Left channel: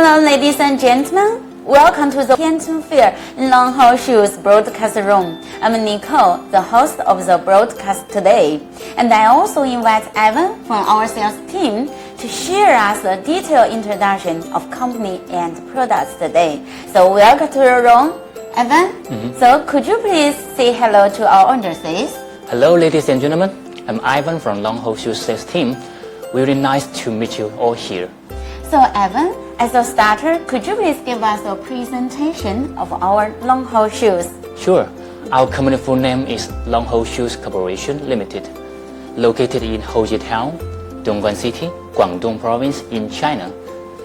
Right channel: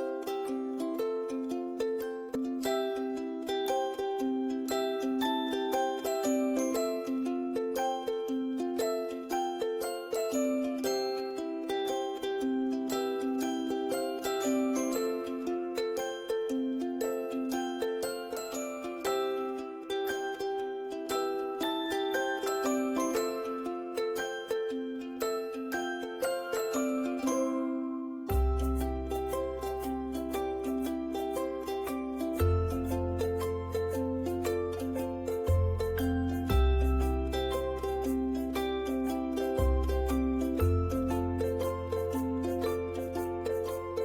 Hello, ladies and gentlemen. Welcome to the Canton Fair Longho Shoes broadcast room. I'm Nicole, the host of the broadcast today. And I also invite Evan from our sales team to share us a detailed introduction of company and products today. So welcome to your room, Evan. So could you please say hello to our audiences? Hello, ladies and gentlemen. I'm Ivan from Longho Shoes sales team. Really nice to meet you all here. So Evan, as a starter, could you please give us a presentation of our Longho Shoes? Sure. Our company full name is Longho Shoes Corporation Limited, located in Hoji Town, Dongguan City, Guangdong Province in China.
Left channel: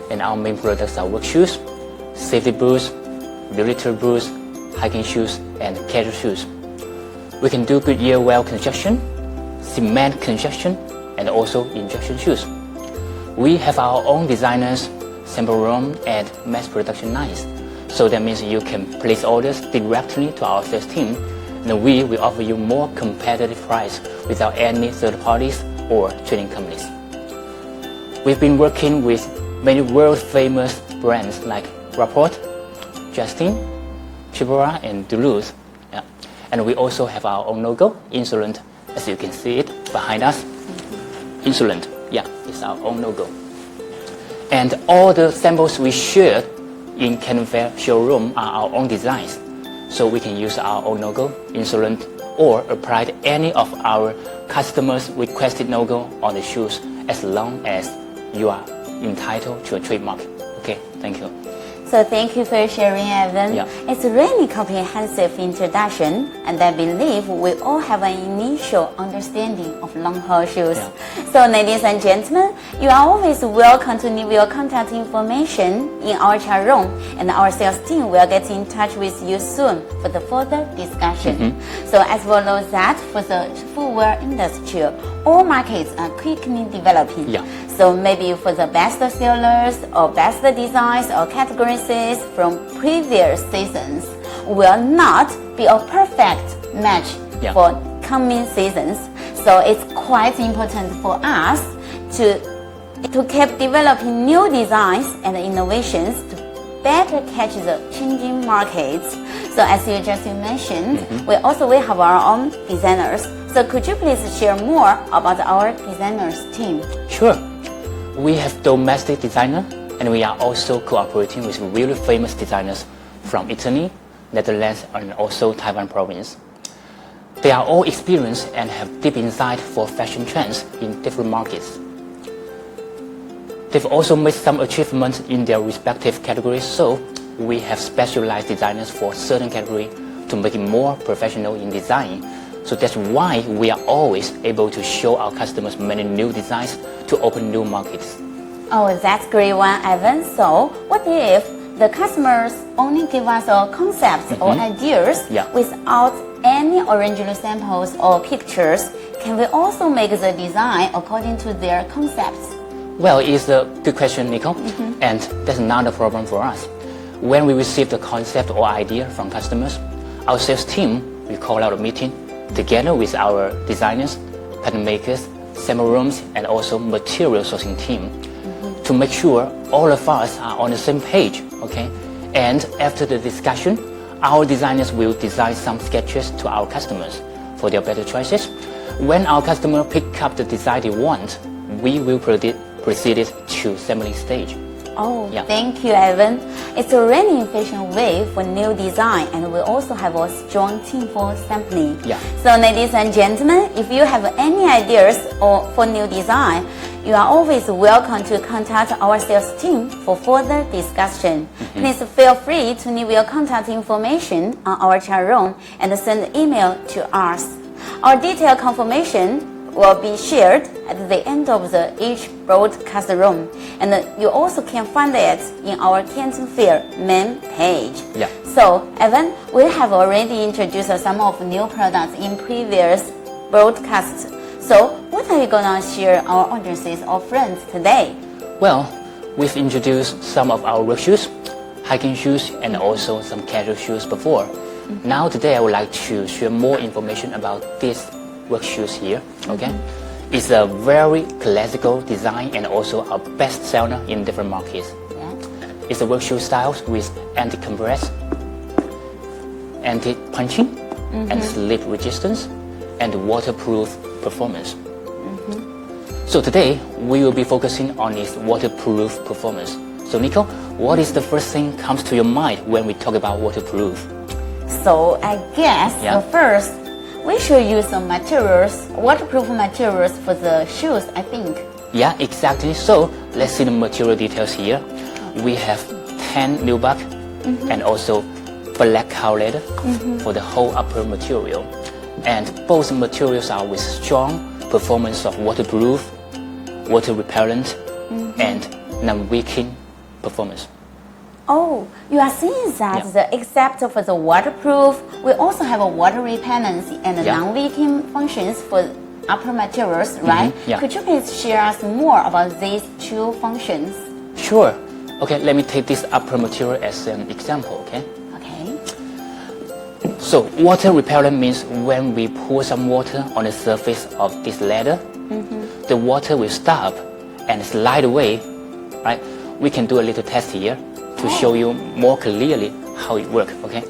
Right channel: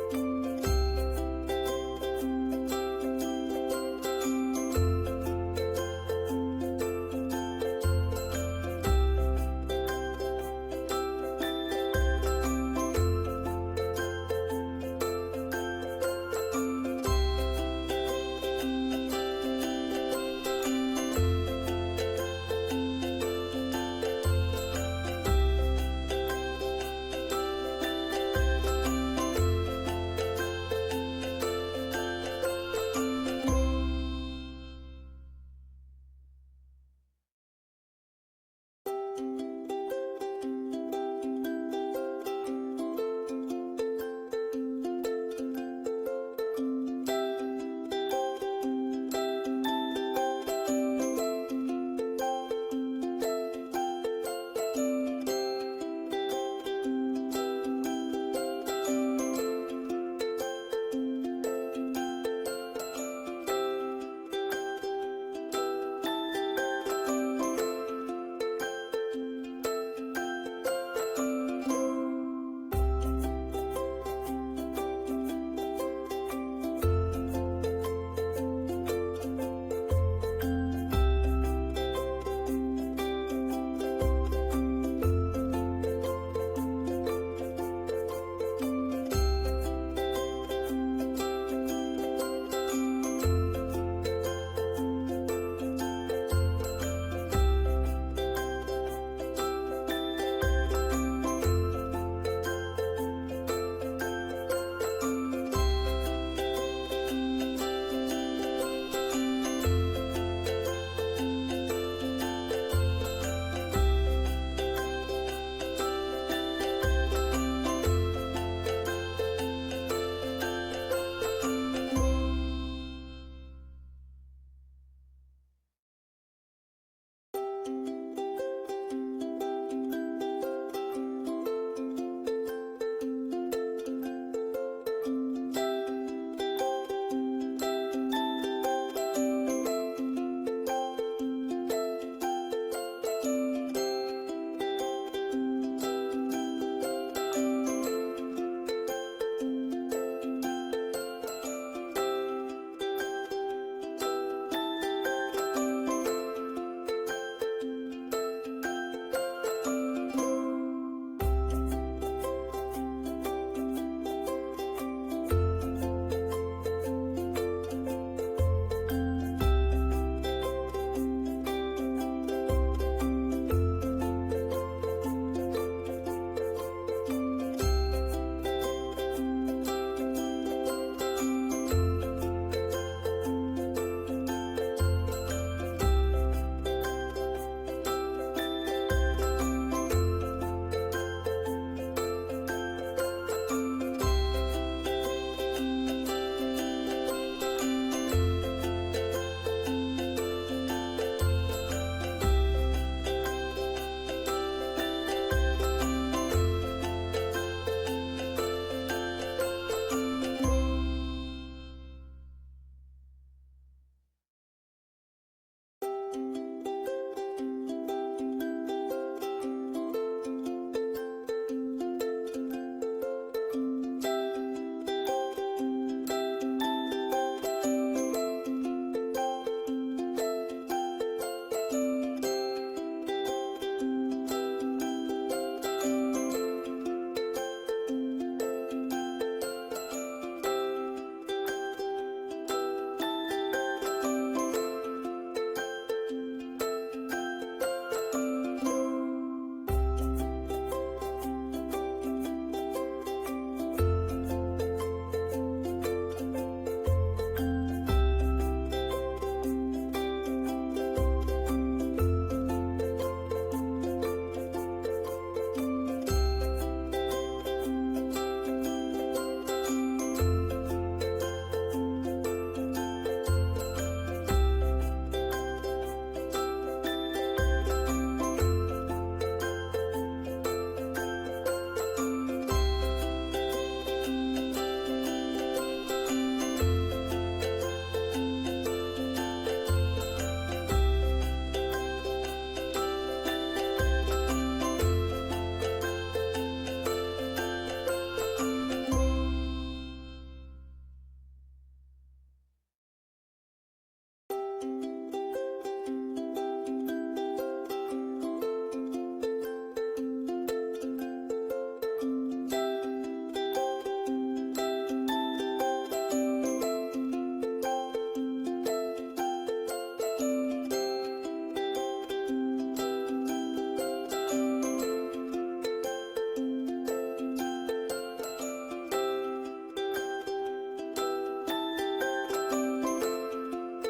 And our main products are work shoes, safety boots, military boots, hiking shoes, and casual shoes. We can do good year well construction, cement construction, and also injection shoes. We have our own designers, sample room, and mass production lines. So that means you can place orders directly to our sales team, and we will offer you more competitive price without any third parties or trading companies. We've been working with many world-famous brands like Rapport, Justin, Chibora, and Duluth. Yeah. And we also have our own logo, Insolent, as you can see it behind us. Insolent, yeah, it's our own logo. And all the samples we shared in Canton Fair showroom are our own designs. So we can use our own logo, Insolent, or apply any of our customers' requested logo on the shoes as long as you are entitled to a trademark. Okay, thank you. So thank you for sharing, Evan. Yeah. It's a really comprehensive introduction, and I believe we all have an initial understanding of Longho Shoes. Yeah. So ladies and gentlemen, you are always welcome to leave your contact information in our chat room, and our sales team will get in touch with you soon for the further discussion. So as well as that, for the footwear industry, all markets are quickly developing. Yeah. So maybe for the best sellers or best designs or categories from previous seasons will not be a perfect match for coming seasons. So it's quite important for us to keep developing new designs and innovations to better catch the changing markets. So as you just mentioned, we have our own designers. So could you please share more about our designers team? Sure. We have domestic designer, and we are also cooperating with really famous designers from Italy, Netherlands, and also Taiwan province. They are all experienced and have deep insight for fashion trends in different markets. They've also made some achievements in their respective categories, so we have specialized designers for certain category to make it more professional in design. So that's why we are always able to show our customers many new designs to open new markets. Oh, that's great one, Evan. So what if the customers only give us concepts or ideas without any original samples or pictures? Can we also make the design according to their concepts? Well, it's a good question, Nico, and that's not a problem for us. When we receive the concept or idea from customers, our sales team will call out a meeting together with our designers, pattern makers, sample rooms, and also material sourcing team to make sure all of us are on the same page, okay? And after the discussion, our designers will design some sketches to our customers for their better choices. When our customer pick up the design they want, we will proceed it to assembly stage. Oh, thank you, Evan. It's a really efficient way for new design, and we also have a strong team for sampling. Yeah. So ladies and gentlemen, if you have any ideas or for new design, you are always welcome to contact our sales team for further discussion. Please feel free to leave your contact information on our chat room and send an email to us. Our detailed confirmation will be shared at the end of each broadcast room, and you also can find it in our Canton Fair main page. Yeah. So, Evan, we have already introduced some of new products in previous broadcasts. So, what are you gonna share our audiences or friends today? Well, we've introduced some of our work shoes, hiking shoes, and also some casual shoes before. Now today I would like to share more information about these work shoes here, okay? It's a very classical design and also a best seller in different markets. It's a work shoe style with anti-compress, anti-punching, and slip resistance, and waterproof performance. So today, we will be focusing on its waterproof performance. So Nico, what is the first thing comes to your mind when we talk about waterproof? So I guess first we should use some materials, waterproof materials for the shoes, I think. Yeah, exactly. So let's see the material details here. We have tan nubuck and also black cow leather for the whole upper material. And both materials are with strong performance of waterproof, water repellent, and non-wicking performance. Oh, you are saying that except for the waterproof, we also have a water repellency and non-leaking functions for upper materials, right? Yeah. Could you please share us more about these two functions? Sure. Okay, let me take this upper material as an example, okay? Okay. So water repellent means when we pour some water on the surface of this leather, the water will stop and slide away, right? We can do a little test here to show you more clearly how it works, okay?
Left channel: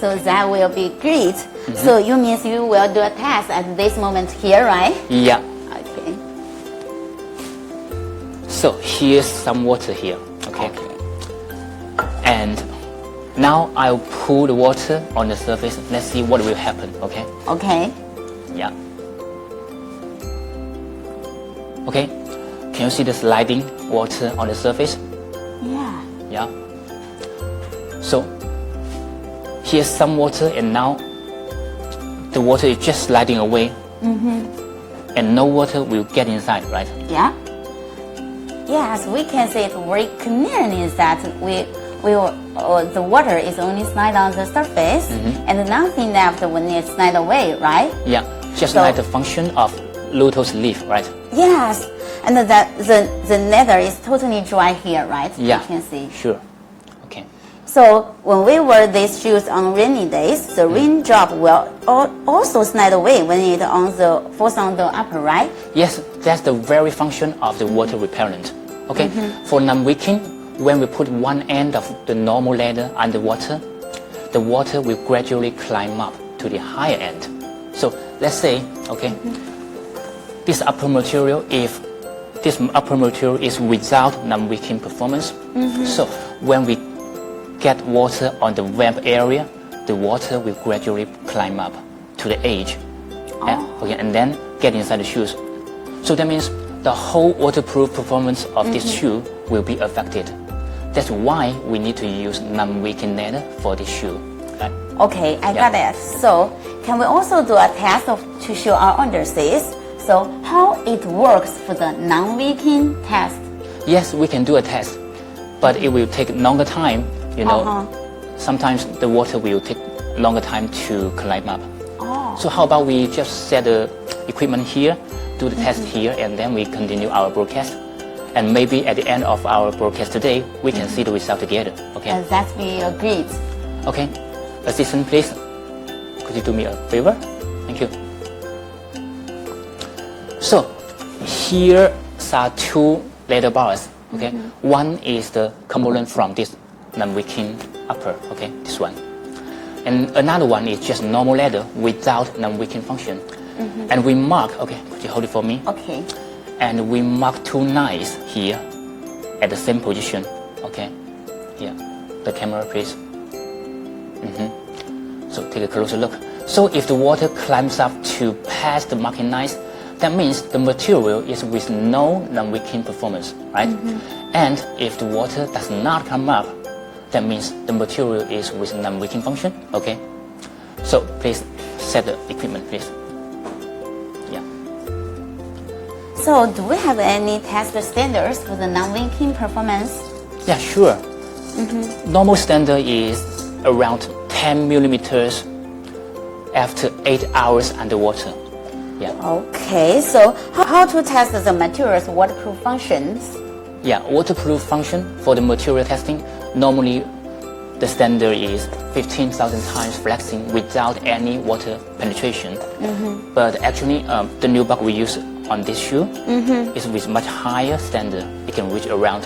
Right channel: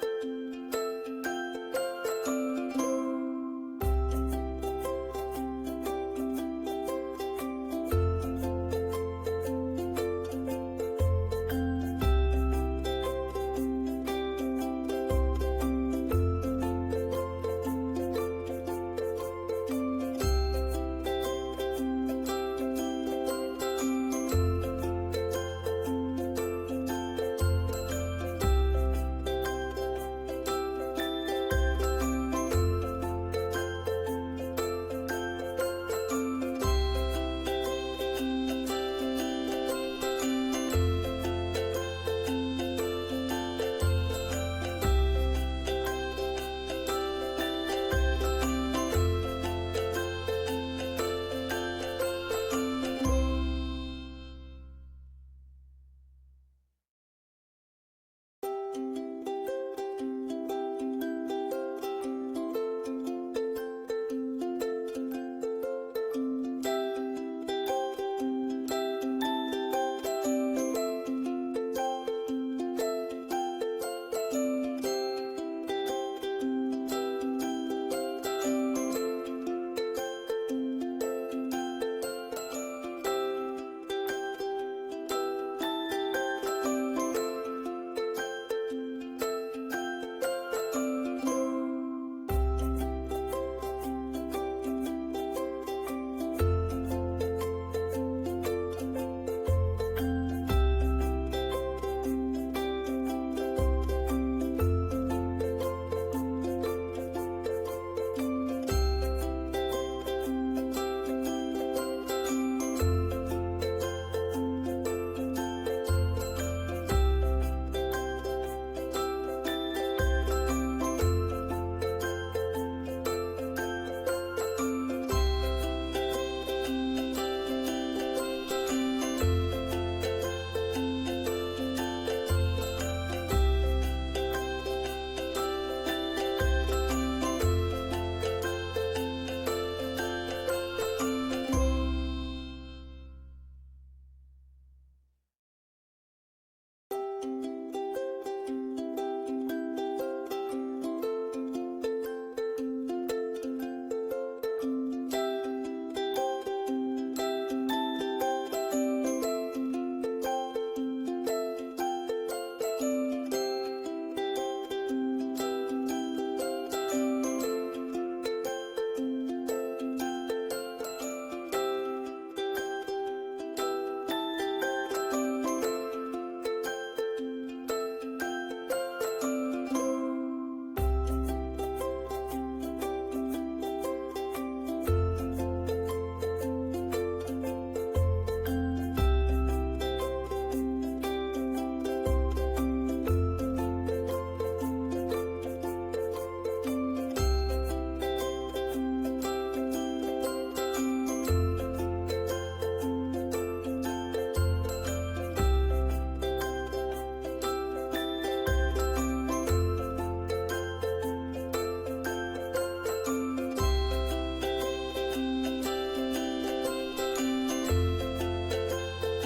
So that will be great. So you means you will do a test at this moment here, right? Yeah. Okay. So here's some water here, okay? And now I'll pour the water on the surface. Let's see what will happen, okay? Okay. Yeah. Okay, can you see the sliding water on the surface? Yeah. Yeah. So here's some water, and now the water is just sliding away, and no water will get inside, right? Yeah. Yes, we can see it very clearly that the water is only slide on the surface, and nothing left when it slide away, right? Yeah, just like the function of lotus leaf, right? Yes, and that the leather is totally dry here, right? Yeah, you can see. Sure. Okay. So when we wear these shoes on rainy days, the raindrop will also slide away when it falls on the upper, right? Yes, that's the very function of the water repellent. Okay, for non-wicking, when we put one end of the normal leather underwater, the water will gradually climb up to the higher end. So let's say, okay, this upper material, if this upper material is without non-wicking performance, so when we get water on the web area, the water will gradually climb up to the edge, and then get inside the shoes. So that means the whole waterproof performance of this shoe will be affected. That's why we need to use non-wicking leather for this shoe. Right? Okay, I got it. So can we also do a test to show our underseas? So how it works for the non-wicking test? Yes, we can do a test, but it will take longer time. You know, sometimes the water will take longer time to climb up. So how about we just set the equipment here, do the test here, and then we continue our broadcast. And maybe at the end of our broadcast today, we can see the result together. Okay? That's be agreed. Okay. Assistant, please. Could you do me a favor? Thank you. So here are two leather bars. Okay. One is the component from this non-wicking upper. Okay, this one. And another one is just normal leather without non-wicking function. And we mark. Okay, could you hold it for me? Okay. And we mark two knives here at the same position. Okay. Yeah. The camera, please. So take a closer look. So if the water climbs up to past the marking knives, that means the material is with no non-wicking performance, right? And if the water does not come up, that means the material is with non-wicking function, okay? So please set the equipment, please. Yeah. So do we have any test standards for the non-wicking performance? Yeah, sure. Normal standard is around 10 millimeters after 8 hours underwater. Yeah. Okay, so how to test the material's waterproof functions? Yeah, waterproof function for the material testing, normally the standard is 15,000 times flexing without any water penetration. But actually, the nubuck we use on this shoe is with much higher standard. It can reach around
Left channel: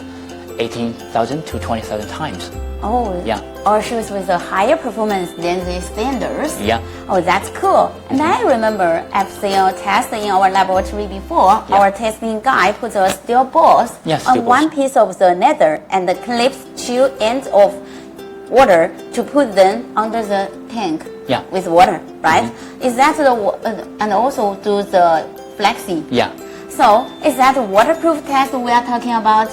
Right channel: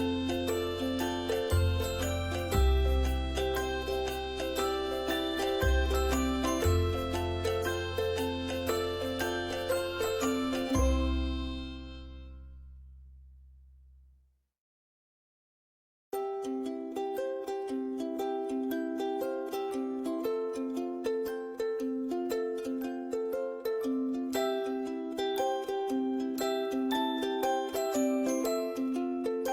18,000 to 20,000 times. Oh, Yeah. Our shoes with a higher performance than the standards. Yeah. Oh, that's cool. And I remember I've seen a test in our laboratory before. Yeah. Our testing guy puts a steel balls Yeah, steel on one balls. piece of the leather and clips two ends of water to put them under the tank Yeah. with water, right? Is that and also do the flexing? Yeah. So is that the waterproof test we are talking about?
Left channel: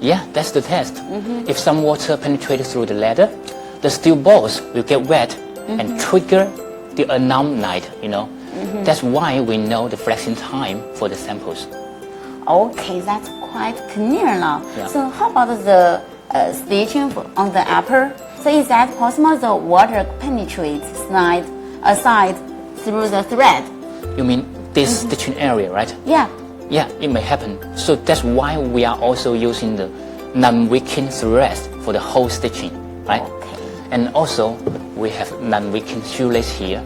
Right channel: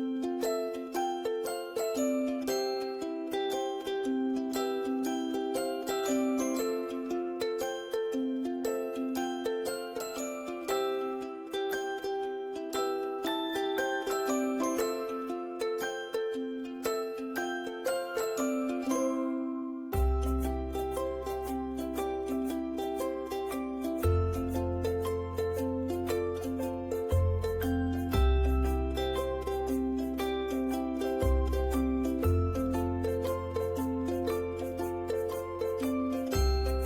Yeah, that's the test. If some water penetrates through the leather, the steel balls will get wet and trigger the alarm light, That's why we know the flexing time for the samples. Okay, that's quite clear now. Yeah. So how about the stitching on the upper? So is that possible the water penetrates aside through the thread? You mean this stitching area, right? Yeah. Yeah, it may happen. So that's why we are also using the non-wicking threads for the whole stitching, right? Okay. And also, we have non-wicking shoelace here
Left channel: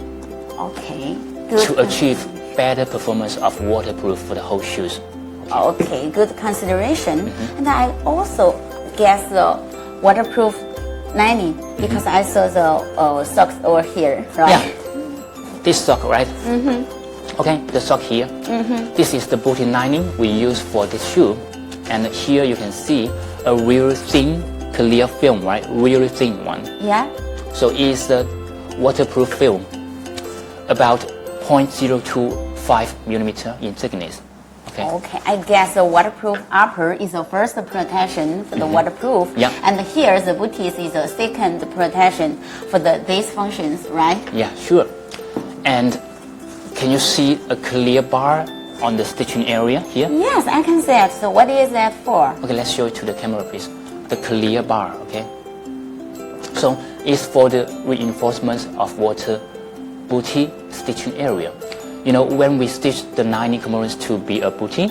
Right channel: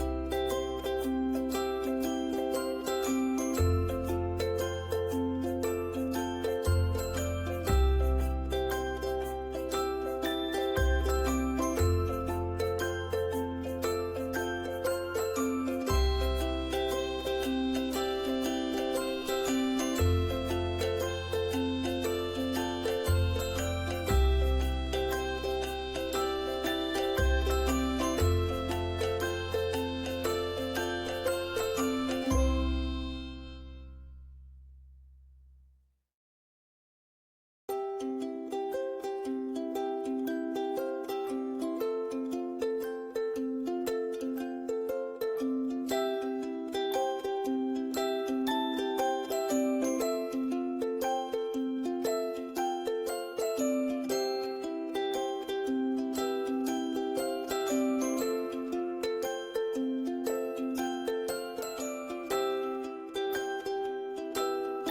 Okay. to achieve better performance of waterproof for the whole shoes. Okay, good consideration. And I also guess the waterproof lining because I saw the socks over here, right? Yeah. This sock, right? Okay, the sock here. This is the booty lining we use for this shoe. And here you can see a real thin, clear film, right? Really thin one. Yeah. So it's a waterproof film, about 0.025 millimeter in thickness. Okay. Okay, I guess the waterproof upper is the first protection for the waterproof. Yeah. And here the booties is the second protection for these functions, right? Yeah, sure. And can you see a clear bar on the stitching area here? Yes, I can see it. So what is that for? Okay, let's show it to the camera, please. The clear bar, okay? So it's for the reinforcement of water booty stitching area. When we stitch the lining components to be a booty,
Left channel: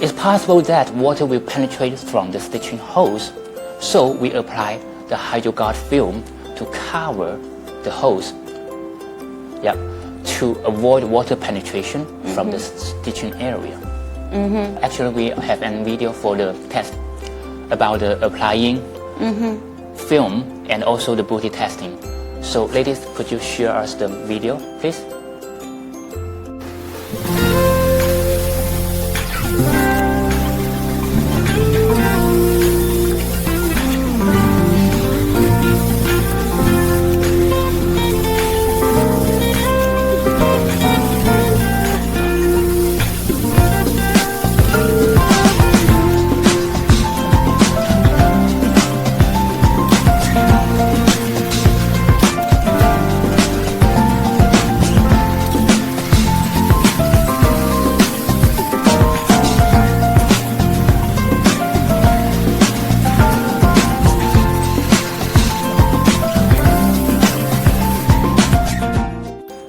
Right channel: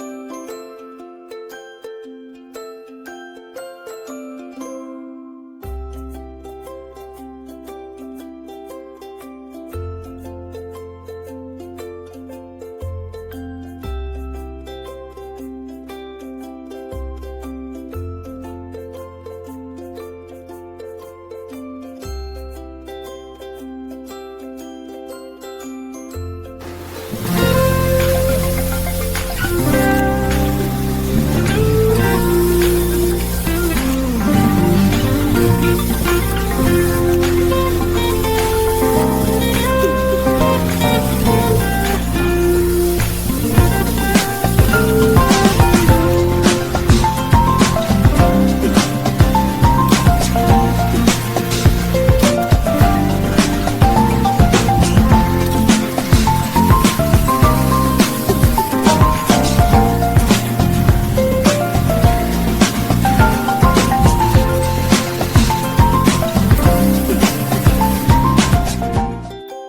it's possible that water will penetrate from the stitching holes. So we apply the HydroGuard film to cover the holes. Yeah, to avoid water penetration from the stitching area. Actually, we have a video for the test about the applying film and also the booty testing. So ladies, could you share us the video, please?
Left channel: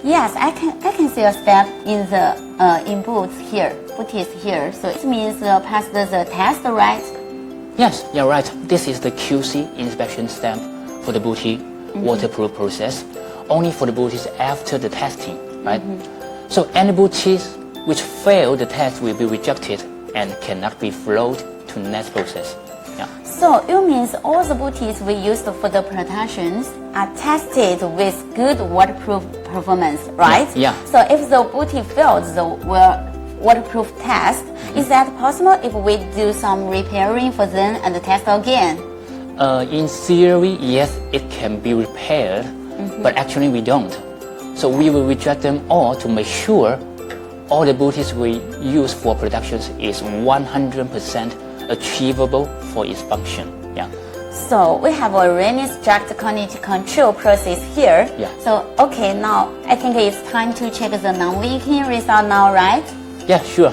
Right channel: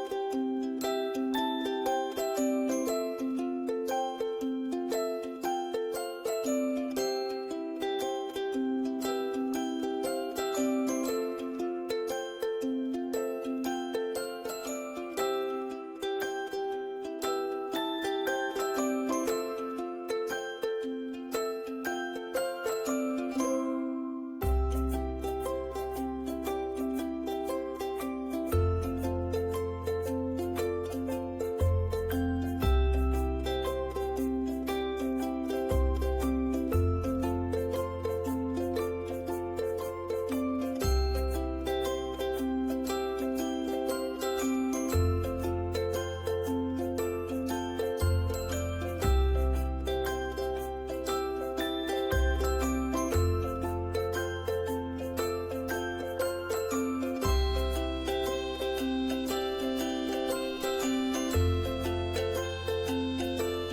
Yes, I can see a step in the booties here. So it means passed the test, right? Yes, you're right. This is the QC inspection stamp for the booty waterproof process, only for the booties after the testing, right? So any booties which fail the test will be rejected and cannot be flowed to next process. Yeah. So it means all the booties we used for the protections are tested with good waterproof performance, right? Yeah. So if the booty fails the waterproof test, is that possible if we do some repairing for them and test again? In theory, yes, it can be repaired, but actually we don't. So we will reject them all to make sure all the booties we use for productions is 100% achievable for its function. Yeah. So we have a really strict quality control process here. Yeah. So okay, now I think it's time to check the non-leaking result now, right? Yeah, sure.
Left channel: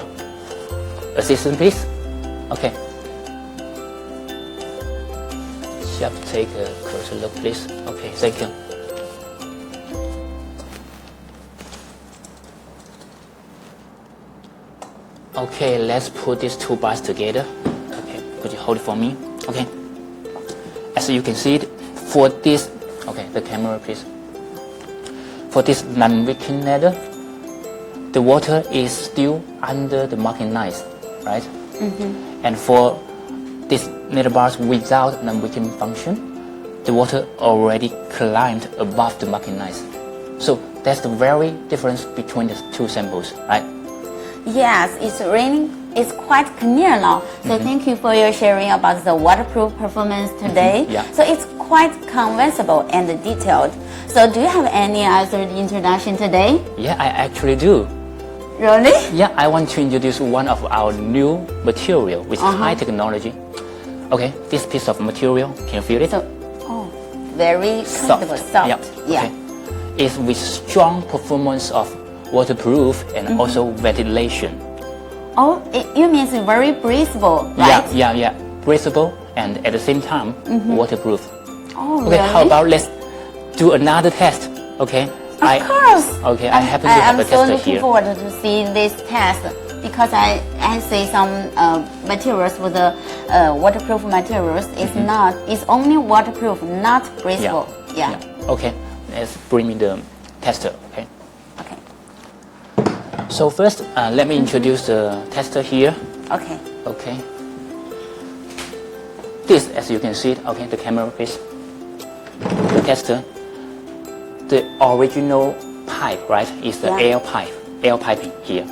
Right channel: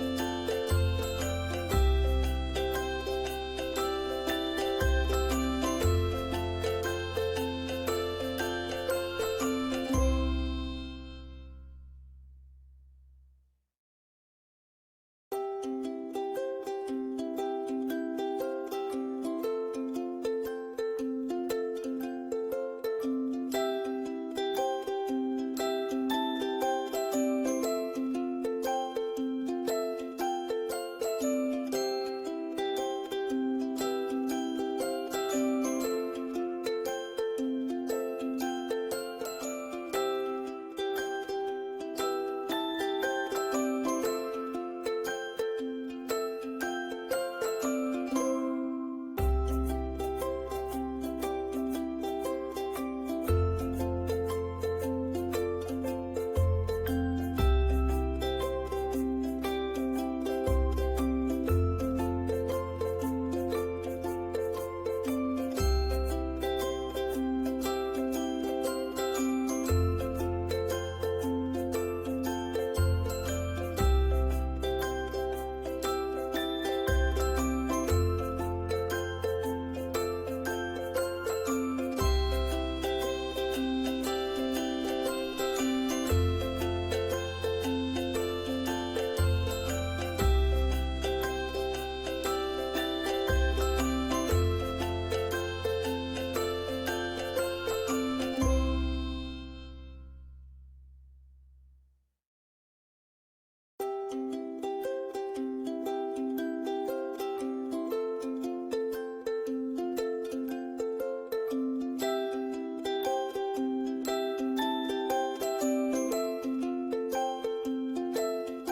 Assistant, please. Okay. Chef, take a closer look, please. Okay, thank you. Okay, let's put these two bars together. Okay, could you hold it for me? Okay. As you can see it, for this, okay, the camera, please. For this non-wicking leather, the water is still under the marking lines, right? And for these knitted bars without non-wicking function, the water already climbed above the marking lines. So that's the very difference between the two samples, right? Yes, it's raining. It's quite clear now. So thank you for your sharing about the waterproof performance today. Yeah. So it's quite convincible and detailed. So do you have any other introduction today? Yeah, I actually do. Really? Yeah, I want to introduce one of our new material with high technology. Okay, this piece of material, can you feel it? So, oh, very comfortable, soft. Yeah. Okay. It's with strong performance of waterproof and also ventilation. Oh, you mean it's very breathable, right? Yeah. Breathable and at the same time waterproof. Oh, okay, really? how about let's do another test? Okay. Of course. Okay, I happen to have a tester I'm so looking here. forward to see this test because I see some materials with the waterproof materials. It's only waterproof, not breathable. Yeah. Okay, let's bring me the tester. Okay. Okay. So first, let me introduce the tester here. Okay. Okay. This, as you can see it, okay, the camera piece, the tester, the original pipe, right, is the air piping here.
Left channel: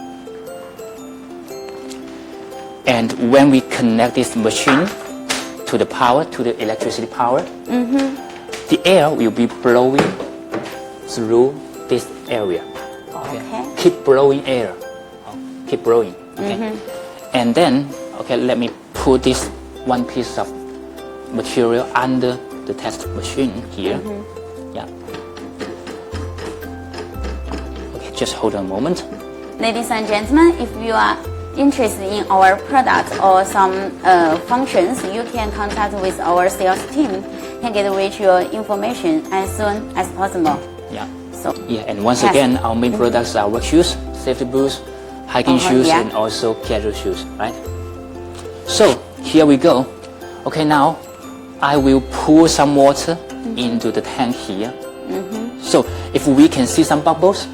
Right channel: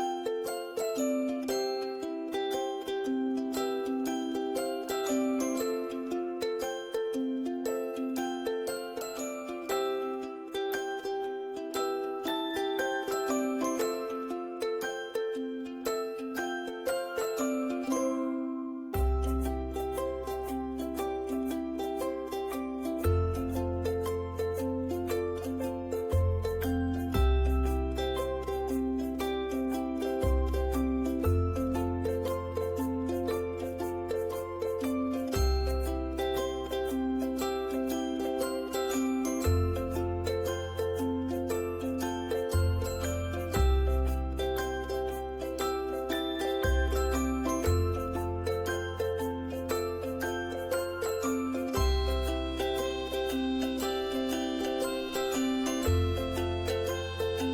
And when we connect this machine to the power, to the electricity power, the air will be blowing through this area. Okay. Keep blowing air. Keep blowing. Okay. And then, okay, let me put this one piece of material under the test machine here. Yeah. Okay, just hold on a moment. Ladies and gentlemen, if you are interested in our product or some functions, you can contact with our sales team. Can get reach your information as soon as possible. Yeah. So And once again, our main products are work shoes, safety boots, hiking shoes, and also casual shoes, right? So here we go. Okay, now I will pour some water into the tank here. So if we can see some bubbles,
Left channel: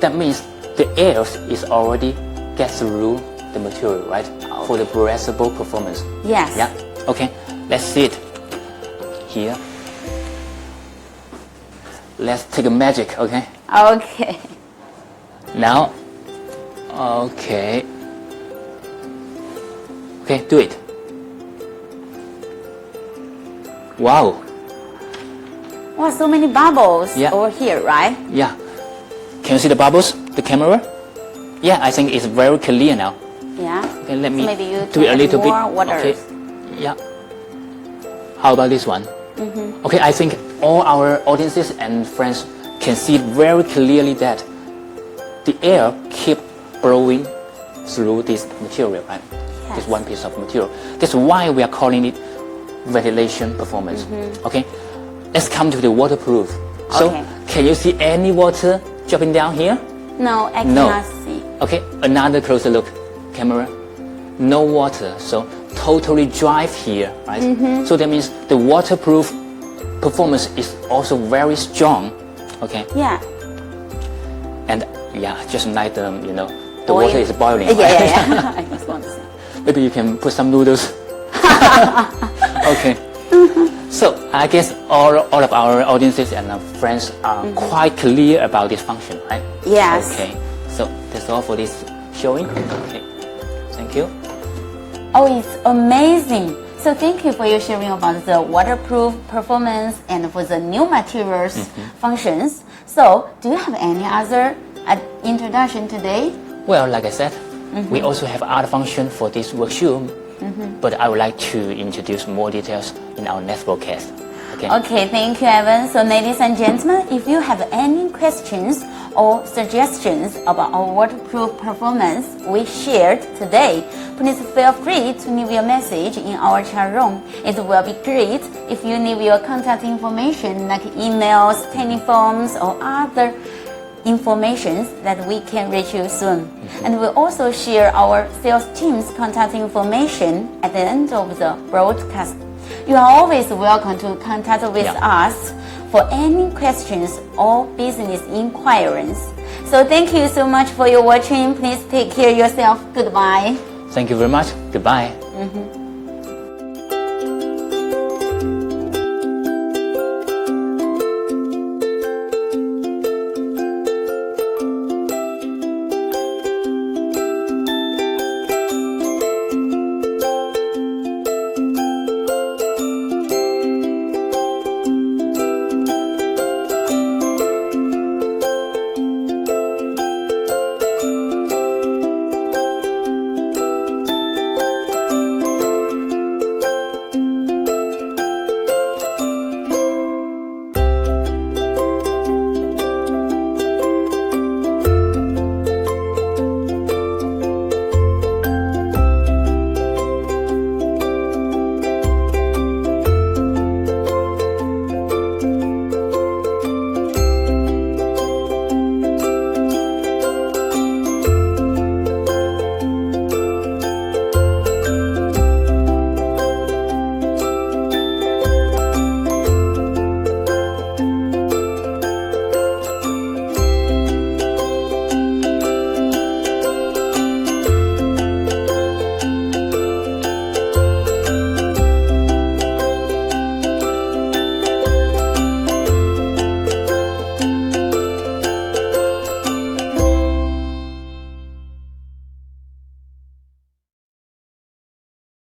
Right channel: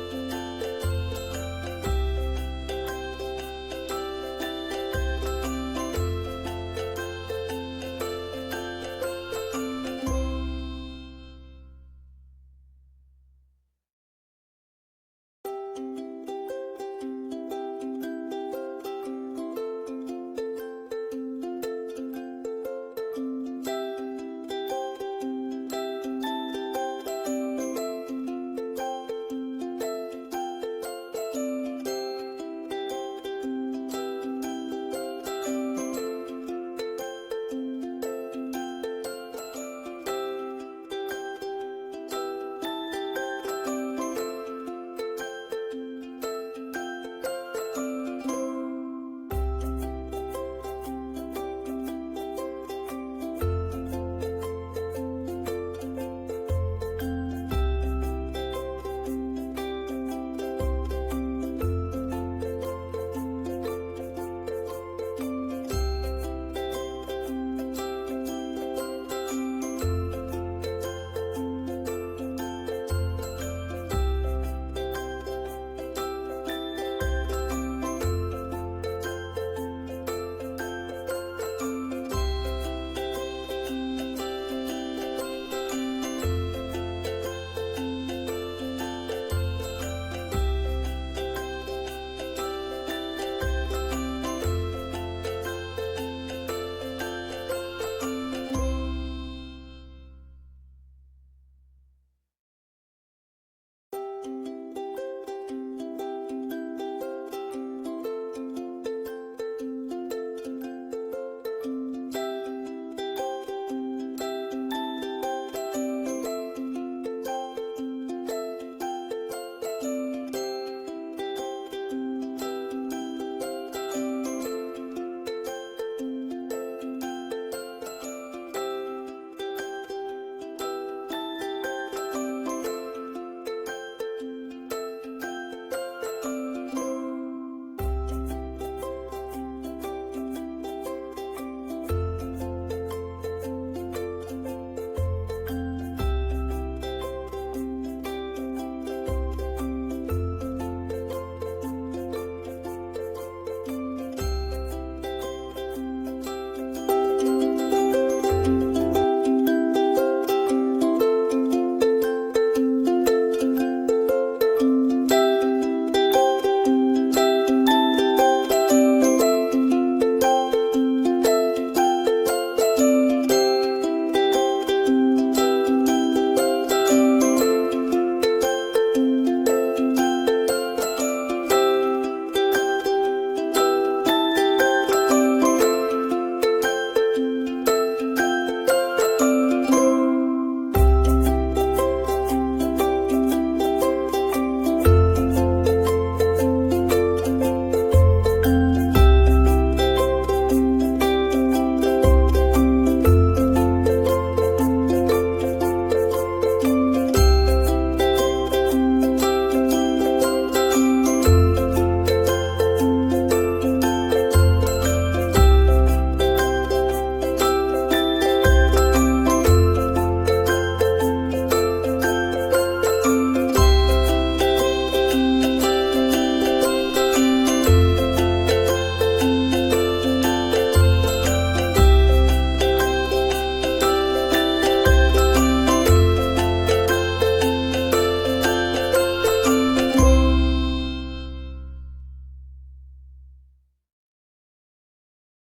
that means the air is already get through the material, right? For the breathable performance. Yes. Yeah. Okay. Let's see it here. Let's take a magic. Okay. Okay. Now. Okay. Okay. Do it. Wow. Wow, so many bubbles Yeah. over here, right? Yeah. Can you see the bubbles? The camera? Yeah, I think it's very clear now. Yeah. Okay, let me So maybe you do it a can little add bit. more water. Okay. Yeah. How about this one? Okay, I think all our audiences and friends can see very clearly that the air keep blowing through this material, right? Yes. This one piece of material. That's why we are calling it ventilation performance. Okay, let's come to the waterproof. So, Okay. can you see any water dropping down here? No, I No. cannot see. Okay, another closer look, camera. No water, so totally dry here, right? So that means the waterproof performance is also very strong. Okay, Yeah. and yeah, just like the the Boil. water is boiling. Yeah, right? yeah. I just want to see. Maybe you can put some noodles. Okay. So I guess all of our audiences and friends are quite clear about this function, right? Yes. Okay. So that's all for this showing. Okay. Thank you. Oh, it's amazing. So thank you for your sharing about the waterproof performance and for the new materials functions. So do you have any other introduction today? Well, like I said, we also have other function for this work shoe, but I would like to introduce more details in our next broadcast. Okay. Okay, thank you, Evan. So ladies and gentlemen, if you have any questions or suggestions about our waterproof performance we shared today, please feel free to leave your message in our chat room. It will be great if you leave your contact information like emails, telephones, or other information that we can reach you soon. And we'll also share our sales team's contact information at the end of the broadcast. You are always welcome to contact with us for any questions or business inquiries. So thank you so much for your watching. Please take care of yourself. Goodbye. Thank you very much. Goodbye.